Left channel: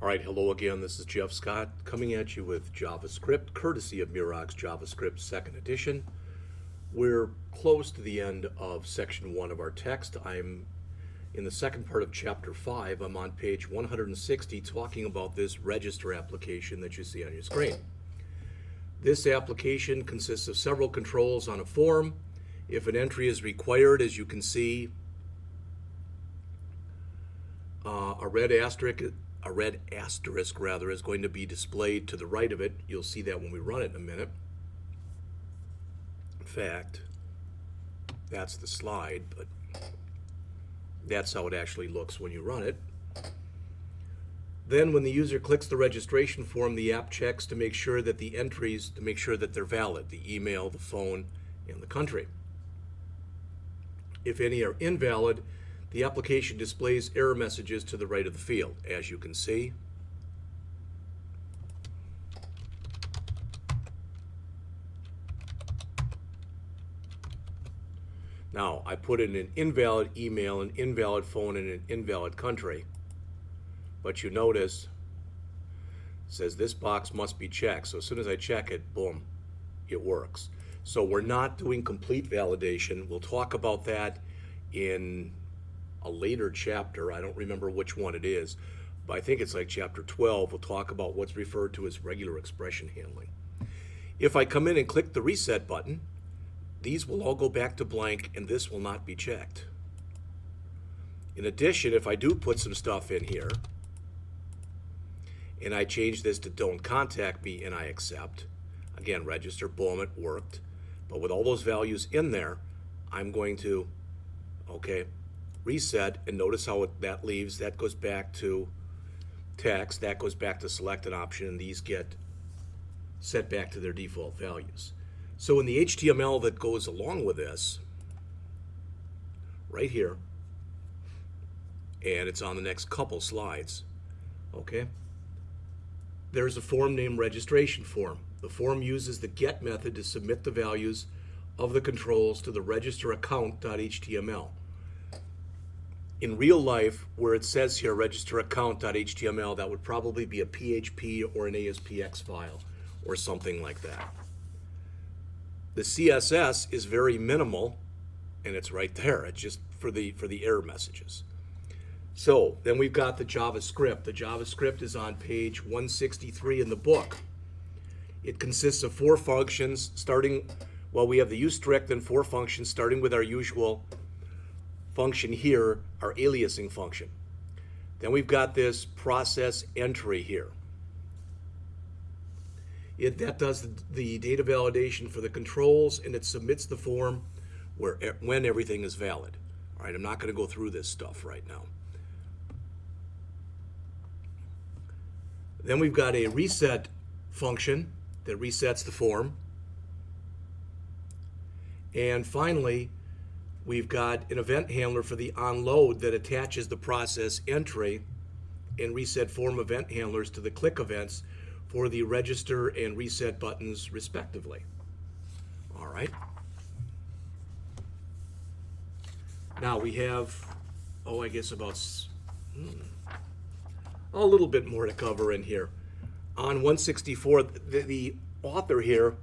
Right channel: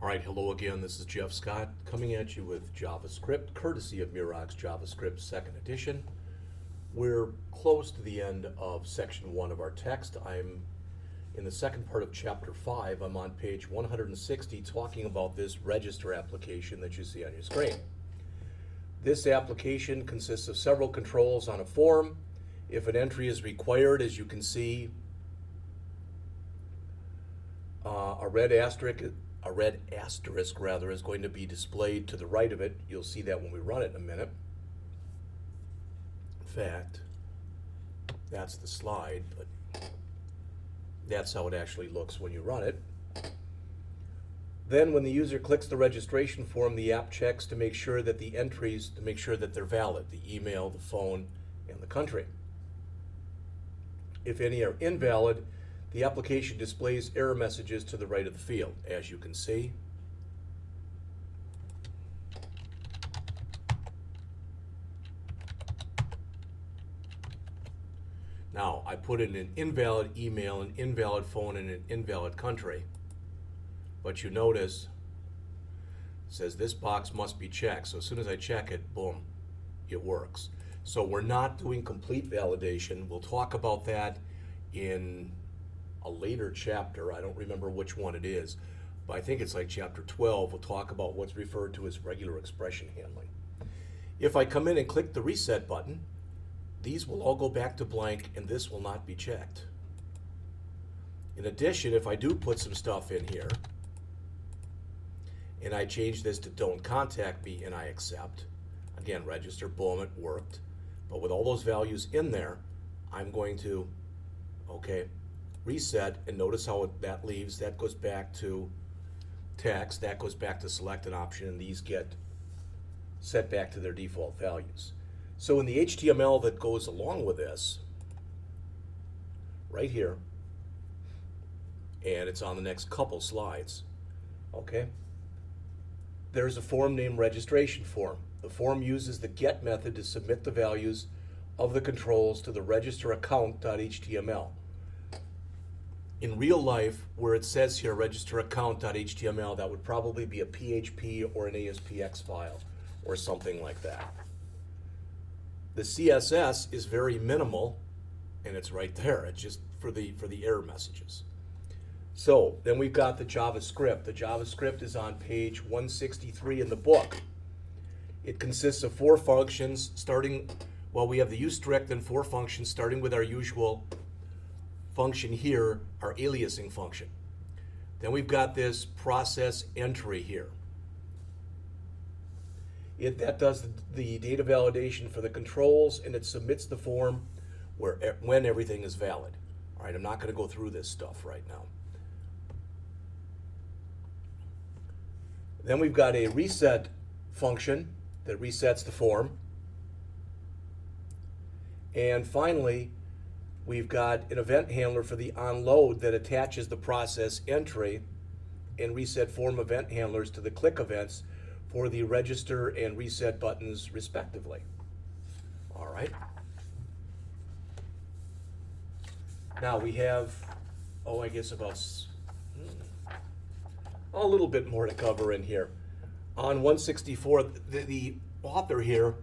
All right, hello again. This is Jeff Scott coming at you with JavaScript, courtesy of Murox JavaScript 2nd edition. We're close to the end of section 1 of our text. I'm in the second part of Chapter 5. I'm on page 160 talking about this register application that you see on your screen. This application consists of several controls on a form. If an entry is required, as you can see, a red asterisk is going to be displayed to the right of it. You'll see that when we run it in a minute. In fact, that's the slide, but that's how it actually looks when you run it. Then when the user clicks the registration form, the app checks to make sure that the entries, to make sure that they're valid, the email, the phone, and the country. If any are invalid, the application displays error messages to the right of the field, as you can see. Now, I put in an invalid email, an invalid phone, and an invalid country. But you notice it says this box must be checked. So as soon as I check it, boom, it works. So we're not doing complete validation. We'll talk about that in a later chapter. I don't remember which one it is, but I think it's like chapter 12. We'll talk about what's referred to as regular expression handling. If I come in and click the reset button, these will all go back to blank and this will not be checked. In addition, if I do put some stuff in here and I change this to don't contact me and I accept, again, register, boom, it worked. But with all those values in there, I'm going to, reset, and notice how that leaves. That goes back to text, that goes back to select an option, and these get set back to their default values. So in the HTML that goes along with this, right here, and it's on the next couple slides, there's a form named registration form. The form uses the get method to submit the values of the controls to the register account.html. In real life, where it says here register account.html, that would probably be a PHP or an ASPX file or something like that. The CSS is very minimal, and it's right there. It's just for the error messages. So then we've got the JavaScript. The JavaScript is on page 163 in the book. It consists of 4 functions starting, we have the usestrict and 4 functions starting with our usual function here, our aliasing function. Then we've got this process entry here. That does the data validation for the controls, and it submits the form when everything is valid. All right, I'm not going to go through this stuff right now. Then we've got a reset function that resets the form. And finally, we've got an event handler for the onload that attaches the process entry and reset form event handlers to the click events for the register and reset buttons respectively. All right. Now we have, I guess about a little bit more to cover in here. On 164, the author here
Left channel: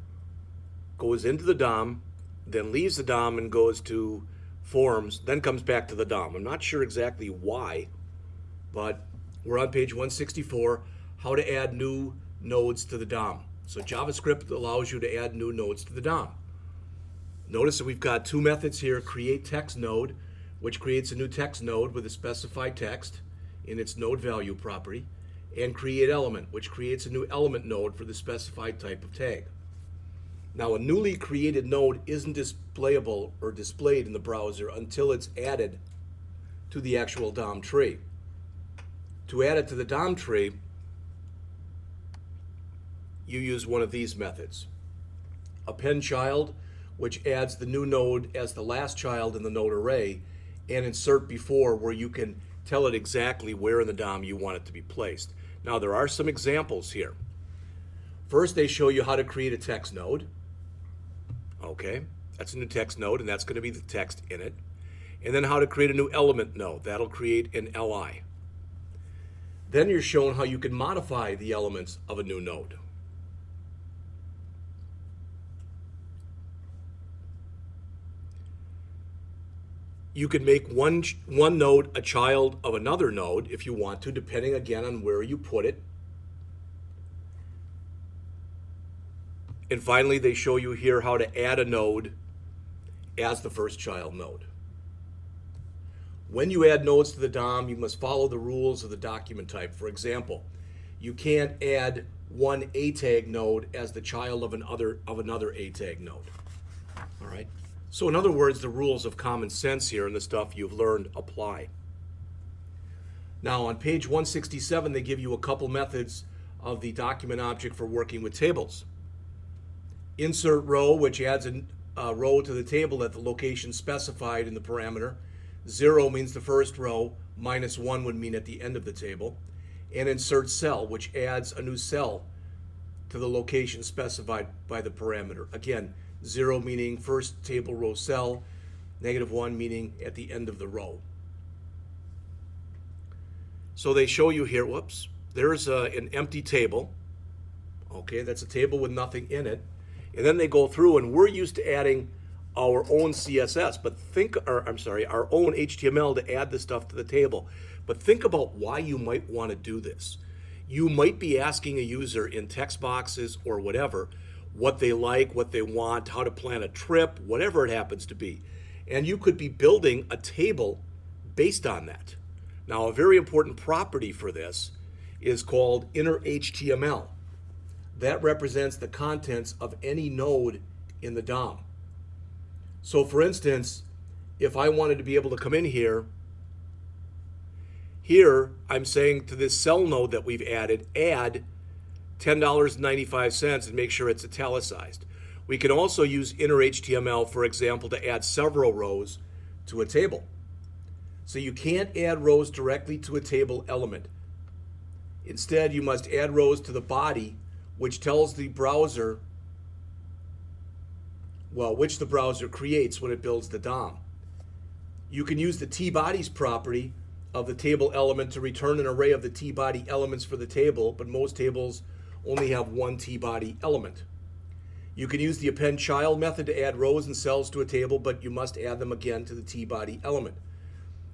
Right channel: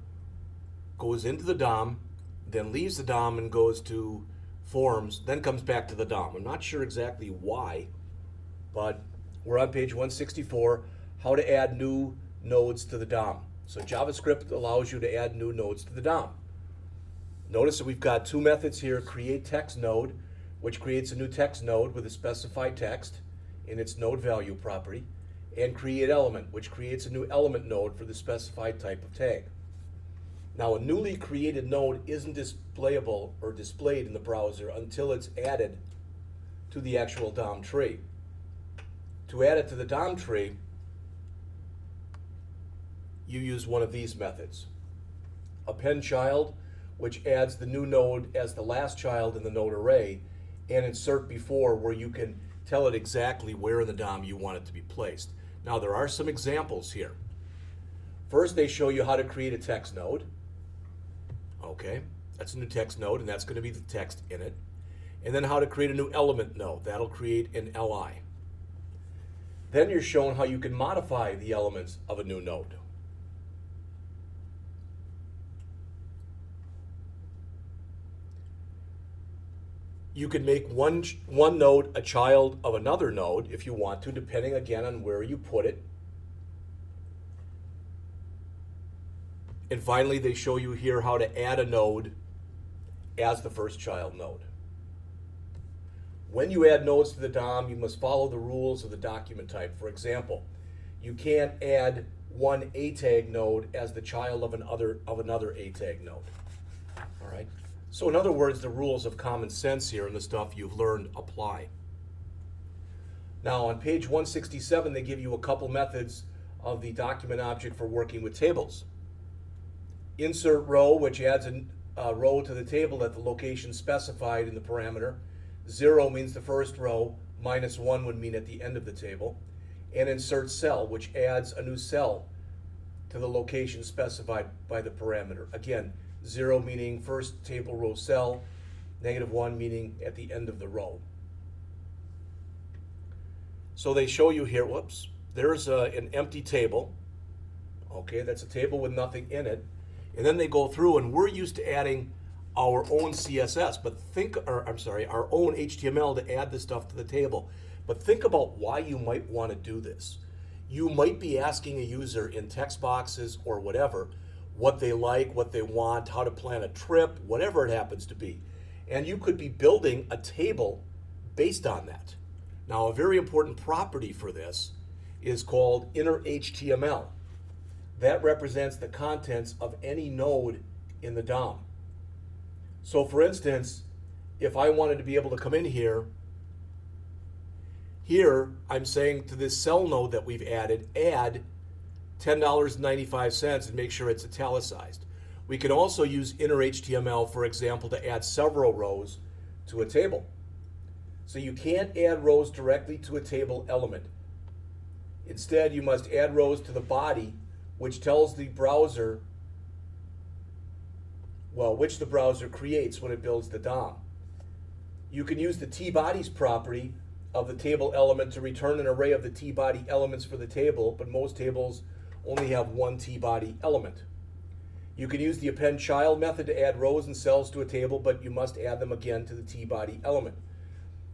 goes into the DOM, then leaves the DOM and goes to forms, then comes back to the DOM. I'm not sure exactly why, but we're on page 164, how to add new nodes to the DOM. So JavaScript allows you to add new nodes to the DOM. Notice that we've got 2 methods here, create text node, which creates a new text node with a specified text in its node value property, and create element, which creates a new element node for the specified type of tag. Now, a newly created node isn't displayable or displayed in the browser until it's added to the actual DOM tree. To add it to the DOM tree, you use one of these methods. Append child, which adds the new node as the last child in the node array, and insert before, where you can tell it exactly where in the DOM you want it to be placed. Now, there are some examples here. First, they show you how to create a text node. That's a new text node, and that's going to be the text in it. And then how to create a new element node. That'll create an LI. Then you're shown how you can modify the elements of a new node. You can make one node a child of another node if you want to, depending again on where you put it. And finally, they show you here how to add a node as the first child node. When you add nodes to the DOM, you must follow the rules of the document type. For example, you can't add one A tag node as the child of another A tag node. All right? So in other words, the rules of common sense here and the stuff you've learned apply. Now on page 167, they give you a couple methods of the document object for working with tables. Insert row, which adds a row to the table at the location specified in the parameter. 0 means the first row, -1 would mean at the end of the table. And insert cell, which adds a new cell to the location specified by the parameter. Again, 0 meaning first table row cell, -1 meaning at the end of the row. So they show you here, whoops, there's an empty table. Okay, that's a table with nothing in it. And then they go through, and we're used to adding our own CSS, our own HTML to add this stuff to the table. But think about why you might want to do this. You might be asking a user in text boxes or whatever, what they like, what they want, how to plan a trip, whatever it happens to be. And you could be building a table based on that. Now, a very important property for this is called inner HTML. That represents the contents of any node in the DOM. So for instance, if I wanted to be able to come in here I'm saying to this cell node that we've added, add $10.95 and make sure it's italicized. We can also use inner HTML, for example, to add several rows to a table. So you can't add rows directly to a table element. Instead, you must add rows to the body, which tells the browser, which the browser creates when it builds the DOM. You can use the tBodies property of the table element to return an array of the tBody elements for the table, but most tables only have one tBody element. You can use the append child method to add rows and cells to a table, but you must add them again to the tBody element.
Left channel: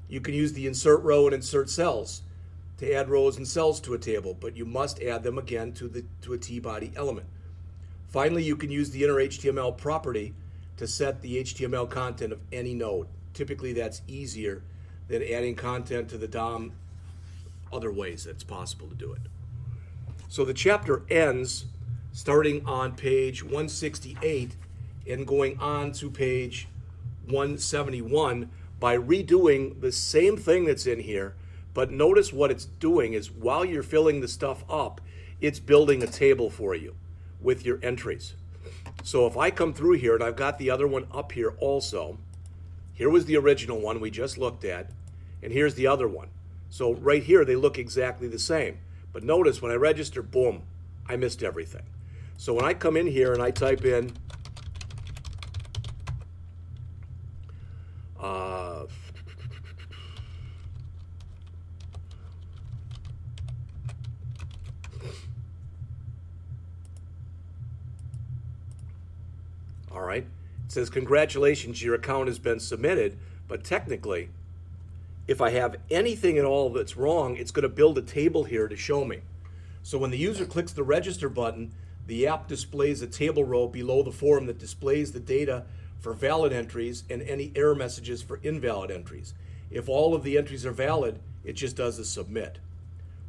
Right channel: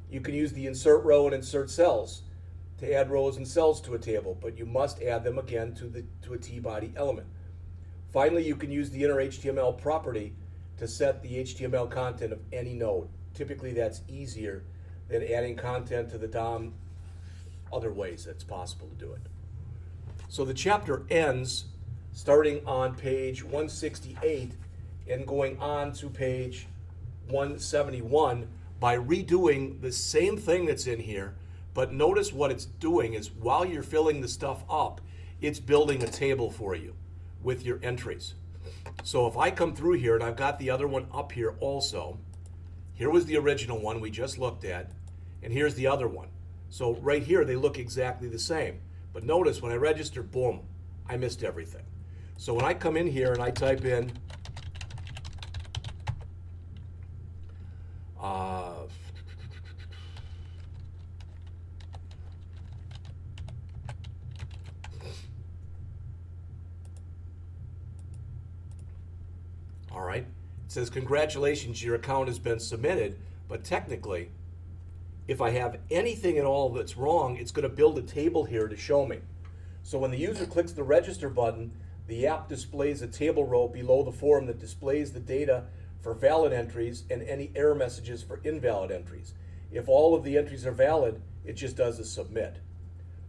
You can use the insert row and insert cells to add rows and cells to a table, but you must add them again to a tBody element. Finally, you can use the inner HTML property to set the HTML content of any node. Typically, that's easier than adding content to the DOM other ways that's possible to do it. So the chapter ends starting on page 168 and going on to page 171 by redoing the same thing that's in here, but notice what it's doing is while you're filling the stuff up, it's building a table for you with your entries. So if I come through here and I've got the other one up here also, here was the original one we just looked at, and here's the other one. So right here, they look exactly the same. But notice when I register, boom, I missed everything. So when I come in here and I type in all right, it says, congratulations, your account has been submitted, but technically, if I have anything at all that's wrong, it's going to build a table here to show me. So when the user clicks the register button, the app displays a table row below the form that displays the data for valid entries and any error messages for invalid entries. If all of the entries are valid, it just does a submit.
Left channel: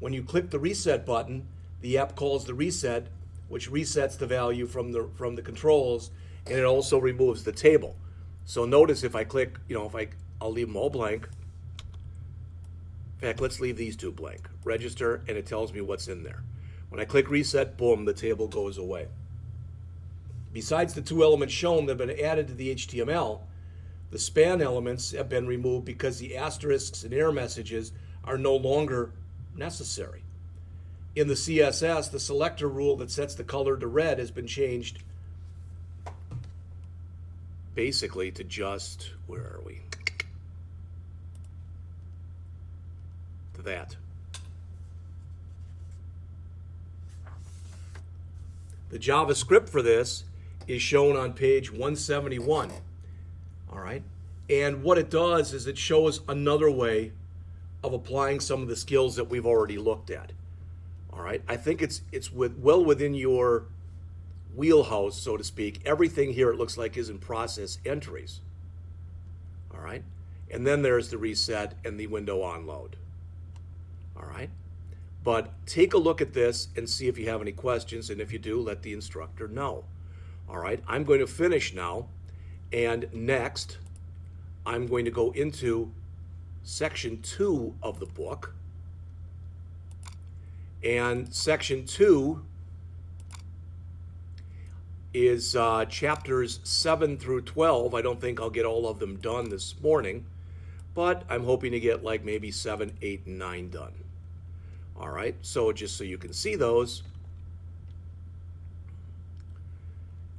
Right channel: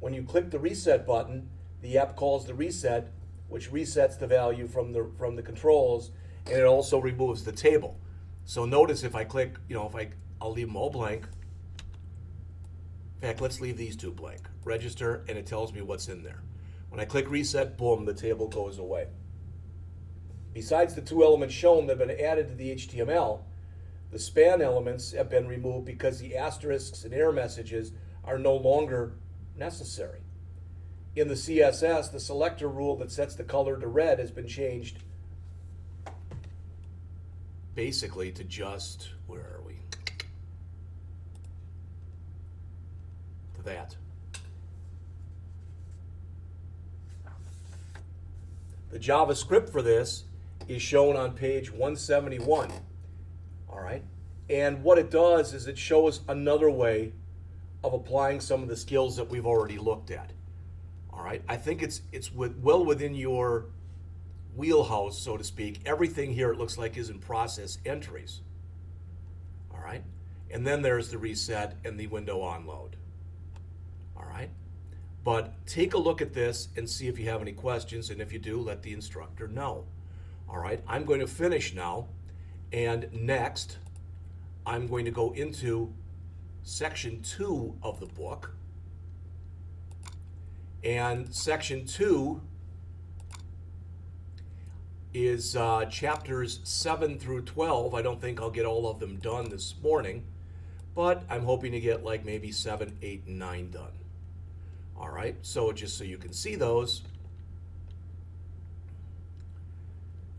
When you click the reset button, the app calls the reset, which resets the value from the controls, and it also removes the table. So notice if I click, I'll leave them all blank. In fact, let's leave these two blank. Register, and it tells me what's in there. When I click reset, boom, the table goes away. Besides the two elements shown that have been added to the HTML, the span elements have been removed because the asterisks and error messages are no longer necessary. In the CSS, the selector rule that sets the color to red has been changed basically to just, where are we? To that. The JavaScript for this is shown on page 171. All right. And what it does is it shows another way of applying some of the skills that we've already looked at. All right. I think it's well within your wheelhouse, so to speak. Everything here, it looks like, is in process entries. All right. And then there's the reset and the window onload. All right. But take a look at this and see if you have any questions. And if you do, let the instructor know. All right. I'm going to finish now. And next, I'm going to go into section 2 of the book. And section 2 is chapters 7 through 12. I don't think I'll get all of them done this morning, but I'm hoping to get like maybe 7, 8, and 9 done. All right, so just so you can see those,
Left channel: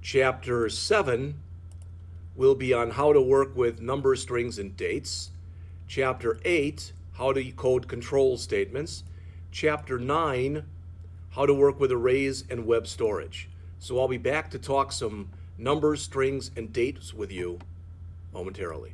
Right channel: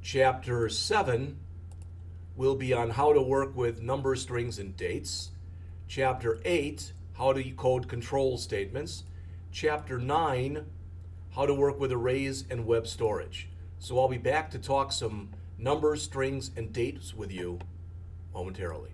chapter 7 will be on how to work with numbers, strings, and dates. Chapter 8, how to code control statements. Chapter 9, how to work with arrays and web storage. So I'll be back to talk some numbers, strings, and dates with you momentarily.